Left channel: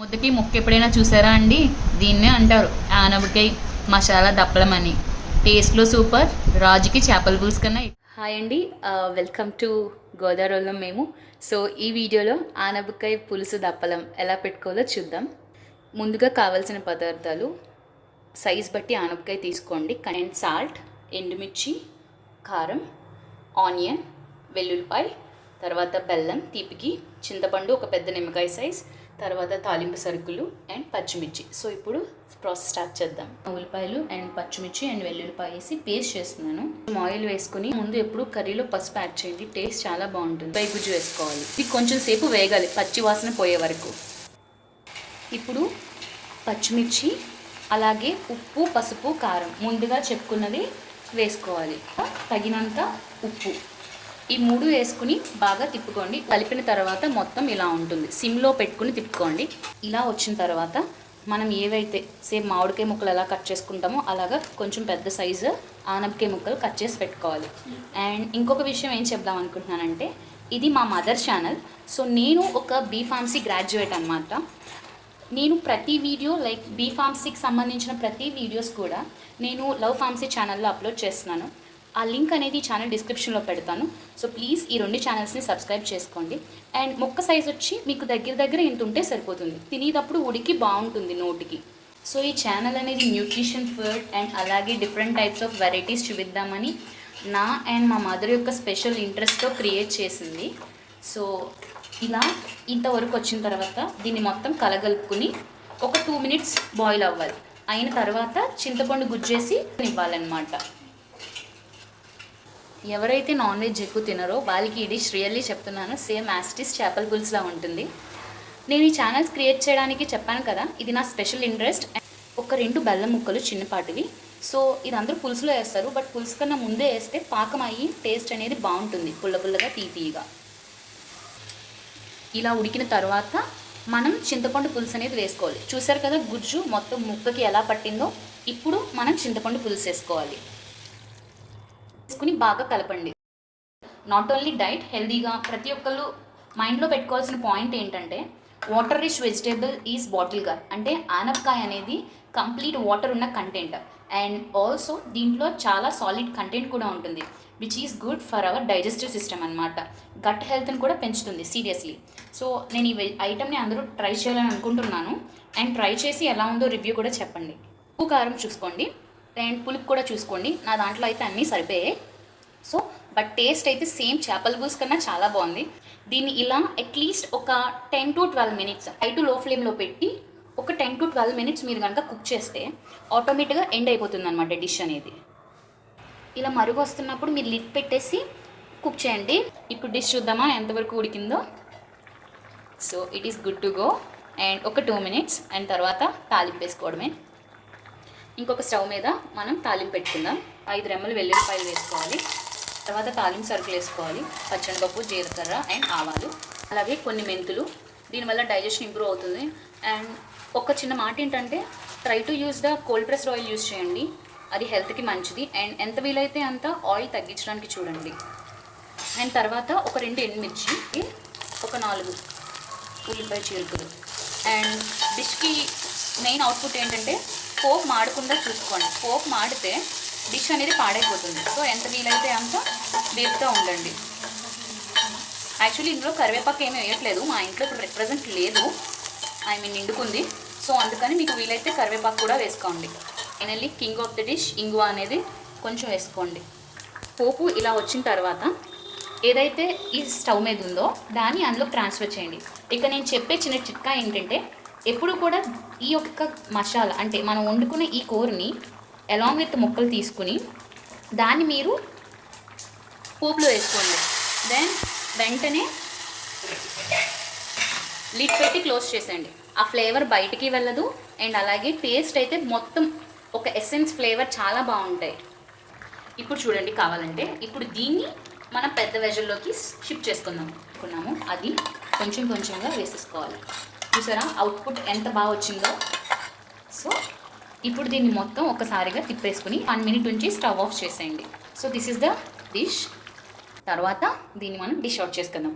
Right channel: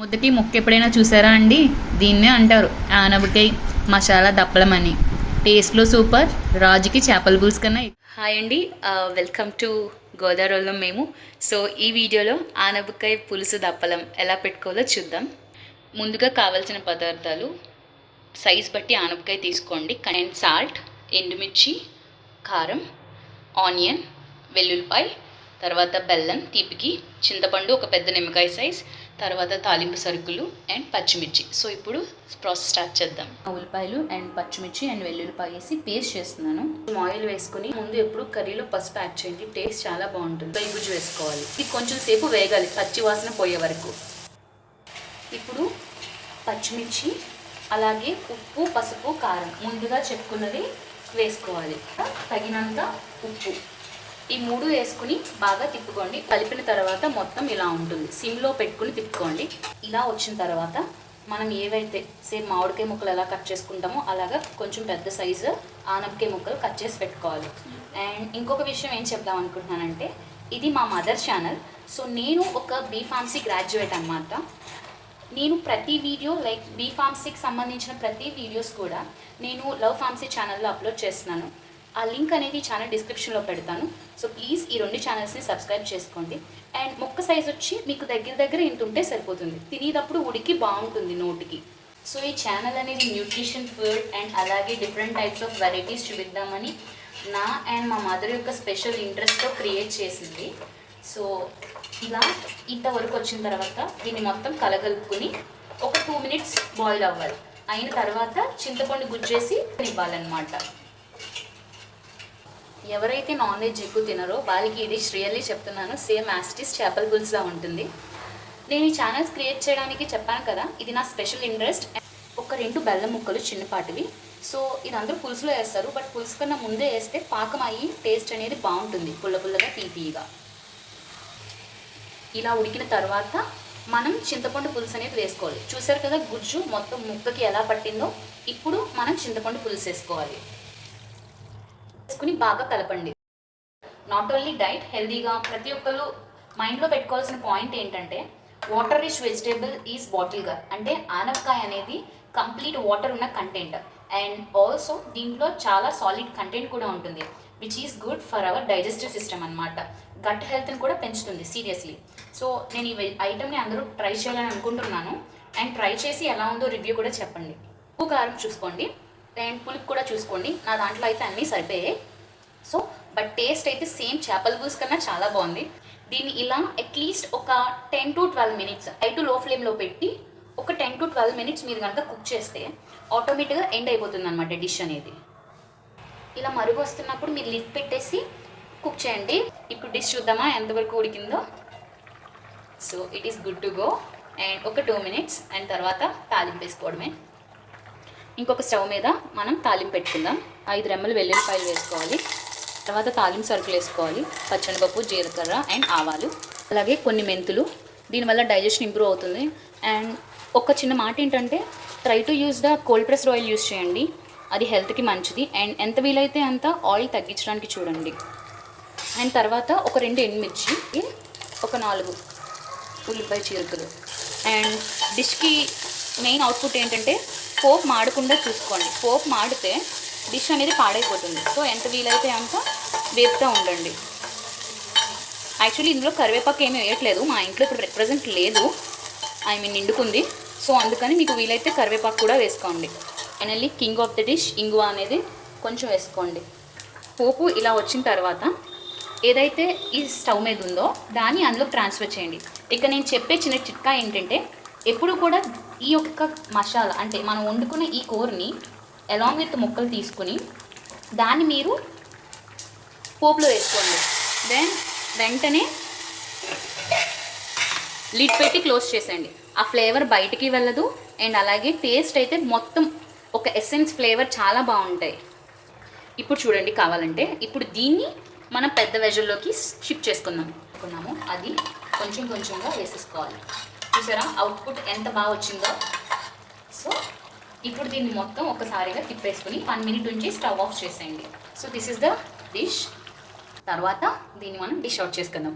ముద్దకి ముక్క ఎప్పుడైనా చూసారా అండి? దీన్నే అంటారు ఆనపకాయ మసాలా దప్పలం అని. టేస్ట్లో సూపర్, రాజుకి చేపల పులుసు కన్నా. హాయ్ అండి, వెల్కమ్ టు గోదావరిలో మేము. సో ఈ వీడియోలో ఆనపకాయ పులుసు దప్పలం ఎలా పెట్టుకోవాలో చూద్దాం. ముందుగా కావాల్సిన పదార్థాలు: సైజ్ బట్టి ఆనపకాయ తీసుకోండి, అండ్ సాల్ట్, ఎండుమిర్చి, కారం, ఆనియన్, వెల్లుల్లిపాయ, తర్వాత బెల్లం తీపికి, చింతపండు ఒక పెద్ద నిమ్మకాయ సైజ్, తర్వాత తాలింపు సరుకులు అండ్ పచ్చిమిర్చి. సో ఇప్పుడు ప్రాసెస్ స్టార్ట్ చేద్దాం. ఉల్లిపాయలు అండ్ పచ్చిమిర్చి అండ్ వెల్లుల్లిపాయ వేసి పేస్ట్ చేస్తున్నాను. ఆయిల్ వేసుకుని ముందు ఎప్పుడు కర్రీలో పసుపు యాడ్ చేయండి, టేస్ట్ చాలా బాగుంటుంది. పై గుజ్జు వేసుకోవాలి. ఇది కొంచెం సేపు వేగాలి, పచ్చి వాసన పోయే వరకు. ఇప్పుడు పచ్చిమిర్చి, అలాగే ఉప్పు, పసుపు, కారం ముందుగా చెప్పుకున్నవి వేసుకోవాలి. తగినంత ఉప్పు, ఈ మూడు వేసుకుని బాగా తిప్పుకోండి. కలిపిన తర్వాత మొత్తం ఇలా ఉంటుంది. సిమ్లో పెట్టుకుని తిప్పుకోండి. ఇలా వచ్చిన తర్వాత మనం ఏవైతే సేమ్ మామిడికాయ ముక్కలు ఎలా కట్ చేసుకుంటామో అలాగా కొంచెం పెద్ద సైజు ఆనపకాయ ముక్కలు కట్ చేసి పెట్టుకోవాలి. అండ్ ఇంకొక విషయం ఏం చెప్దాం అనుకుంటున్నానంటే, ఇది మా మదర్ ఛానల్. సో నేను ఒక బీఫార్మసీ గ్రాడ్యుయేట్ అనమాట. నేను ప్రతి వీడియో లైక్ బీఫార్మసీకి సంబంధించిన ప్రతి వీడియోస్ కూడా నేను లవ్ ఫార్మసీ ఛానల్లో అప్లోడ్ చేస్తున్నాను. ఆ లింక్ అనేది ఛానల్ డిస్క్రిప్షన్లో పెడతాను. సో ప్లీజ్ ఈ రెండు ఛానల్స్ని సబ్స్క్రైబ్ చేసుకోండి. అండ్ ముక్క సైజ్ వచ్చి మీకు దగ్గర ఇంత ఉంటే సరిపోతుంది. తినేటప్పుడు ఉడికి బాగుంటుంది నోటికి. సో ఈ ఛానల్ అనేది న్యూట్రిషన్, ఫుడ్ అండ్ అలాగే డిఫరెంట్ టైప్స్ ఆఫ్ వెరైటీస్ చూపిద్దామని నా అండ్ మా మదర్ యొక్క స్పెషల్ ఇంట్రెస్ట్తో క్రియేట్ చేసింది. సో ఇలా ఇంతవరకు వచ్చిన తర్వాత దీన్ని మొత్తం కలగలుపుకుని ఒక 2 minutes బాయిల్ అవ్వాలి. అయిన తర్వాత చింతపండు గుజ్జేసి ఇవ్వాలన్నమాట. ఎవరైతే నాన్ వెజ్ ఎక్కువ తినరో వాళ్ళకి ఈ డిష్ రియల్లీ చెప్తున్నాను, సేమ్ యాస్టిస్ చేపల పులుసులా ఉంటుంది. నేను ఈ ఛానల్స్ క్రియేట్ చేయడానికి చెప్పాను కదా, ఇది నా స్పెషల్ ఇంట్రెస్ట్. ఒక 2 బెల్లం ముక్కలు చిన్నపాటివి. సో ఇది అందరూ పులుసులో వేస్తారు, బట్ పులుసు కన్నా ముందే వేస్తే పాకం అయ్యి టేస్ట్ అనేది బాగుంటుంది, పుల్లగా తీపిగా. ఇలా ఉడికిన తర్వాత మనం చింతపండు పులుసు అనేది వేసుకోవాలి. చూసారు కదా గుజ్జు మొత్తం ముక్కకి ఎలా పట్టిందో. ఇప్పుడు మనం చింతపండు పులుసు వేసుకోవాలి. వేసుకుని బాగా కలపండి. నాట్ ఓన్లీ డైట్, హెల్దీగా ప్రతి ఒక్కరు మైండ్లో పెట్టుకోవాల్సిన పాయింట్ ఏంటంటే, water rich vegetable is bottle gourd. అంటే ఆనపకాయ అనేది కంప్లీట్ వాటర్ ఉన్న కంటెంట్. అండ్ ఆల్సో దీంట్లో చాలా సాలిడ్ కంటెంట్ కూడా ఉంటుంది, which is good for our digestive system అనమాట. గట్ హెల్త్ని కూడా పెంచుతుంది సీరియస్లీ. సో నేను ఈ ఐటమ్ని అందరూ ట్రై చేయాలని అనుకుంటున్నాను. అండ్ ట్రై చేసి ఎలా ఉందో రివ్యూ కూడా చెప్పండి. ఉప్పు కారం చూసుకోండి అండ్ పులుపు కూడా చూసుకోండి. నా దాంట్లో అయితే అన్నీ సరిపోయాయి. సో బట్ టేస్ట్ అయితే సేమ్ చేపల పులుసు కన్నా చాలా బాగుంది. దీన్ని ఇలా అట్లీస్ట్ ఒక 10 to 12 minutes హై టు లో ఫ్లేమ్లో పెట్టి ఒక 10 to 12 minutes మీరు కనుక కుక్ చేస్తే ఆటోమేటిక్గా ఎండ్ అయిపోతుంది అనమాట డిష్ అనేది. ఇలా మరుగు వస్తున్నప్పుడు మీరు లిడ్ పెట్టేసి కుక్ చేయండి. ఇప్పుడు డిష్ చూద్దామా ఎంతవరకు ఉడికిందో. So it is good to go. And ఒక 2 minutes అండ్ తర్వాత తాలింపు వేసుకోవడమే. ఇంకొక స్టవ్ మీద మనం తాలింపు పెట్టుకుందాం. 5 రెమ్మలు వెల్లుల్లిపాయలు వేసుకోవాలి. తర్వాత తాలింపు సరుకులు వేసుకోవాలి. పచ్చనిపప్పు, జీలకర్ర అండ్ ఆవాలు, అలాగే కొన్ని మెంతులు. దీనివల్ల డైజెషన్ ఇంప్రూవ్ అవుతుంది. అండ్ ఒక చిన్న మాట ఏంటంటే, try to use the cold pressed oil use చేయండి, అది హెల్త్కి మంచిది. అండ్ ఎంత వీలైతే అంత ఆయిల్ తగ్గించడానికి చూడండి. అండ్ తర్వాత ఒక 2 ఎండుమిర్చి, ఒక 4 ఉల్లిపాయ చీలికలు. అండ్ డిష్కి మెయిన్ అవుట్పుట్ ఏంటంటే, పోపు మాడకుండా చూసుకోండి. పోపు మాడితే డిష్ అనేది పాడైపోతుంది. సో ఎంత వీలైతే అంత వేపుతూ ఉండండి. యాక్చువల్లీ ఇందులో కరివేపాకు ఏమీ వేయట్లేదు, మా ఇంట్లో ఇప్పుడు ప్రెజెంట్ లేదు, నిండుకుంది. సో అందుకని మీకు వీలైతే కరివేపాకు కూడా వేసుకోండి. Finally king of the dish ఇంగువ అనేది కొంచెం వేసుకోండి. పోపు ఇలా వచ్చిన తర్వాత ఏదైతే ఈ స్టవ్ మీద ఉందో దాన్ని అందులో ట్రాన్స్ఫర్ చేయండి. ఇక నేను చెప్పే చిన్న చిట్కా ఏంటంటే, ఎప్పుడు కూడా ఈ యొక్క మసాలా అంటే మనం వండుకున్న ఈ కూరని అలాంగ్ విత్ ముక్కలు తీసుకుని దాన్ని మీరు పోపులో వేసుకోండి. దెన్ వెంటనే లిడ్ పెట్టి క్లోజ్ చేసేయండి. ఆ ఫ్లేవర్ బయటికి వెళ్ళదు. అండ్ అలాగే టేస్ట్ అయితే మొత్తం ఒక ఎసెన్స్ ఫ్లేవర్ చాలా బాగుంటాయి. ఇప్పుడు చూడండి, కావాలంటే ఇప్పుడు దీన్ని మనం పెద్ద వెజల్లోకి షిఫ్ట్ చేసుకున్నాము. అది కొంచెంగా వేసేసుకోవాలి. చూసారా అవుట్పుట్ ఎంత బాగా వచ్చిందో. సో ఇప్పుడు దీన్ని మొత్తం ఒకసారిగా తిప్పేసుకుని 1 minute నుంచి స్టవ్ ఆఫ్ చేసేయండి. So this is the dish. తర్వాత దీన్ని మనం డిష్ అవుట్ చేసుకుందాం.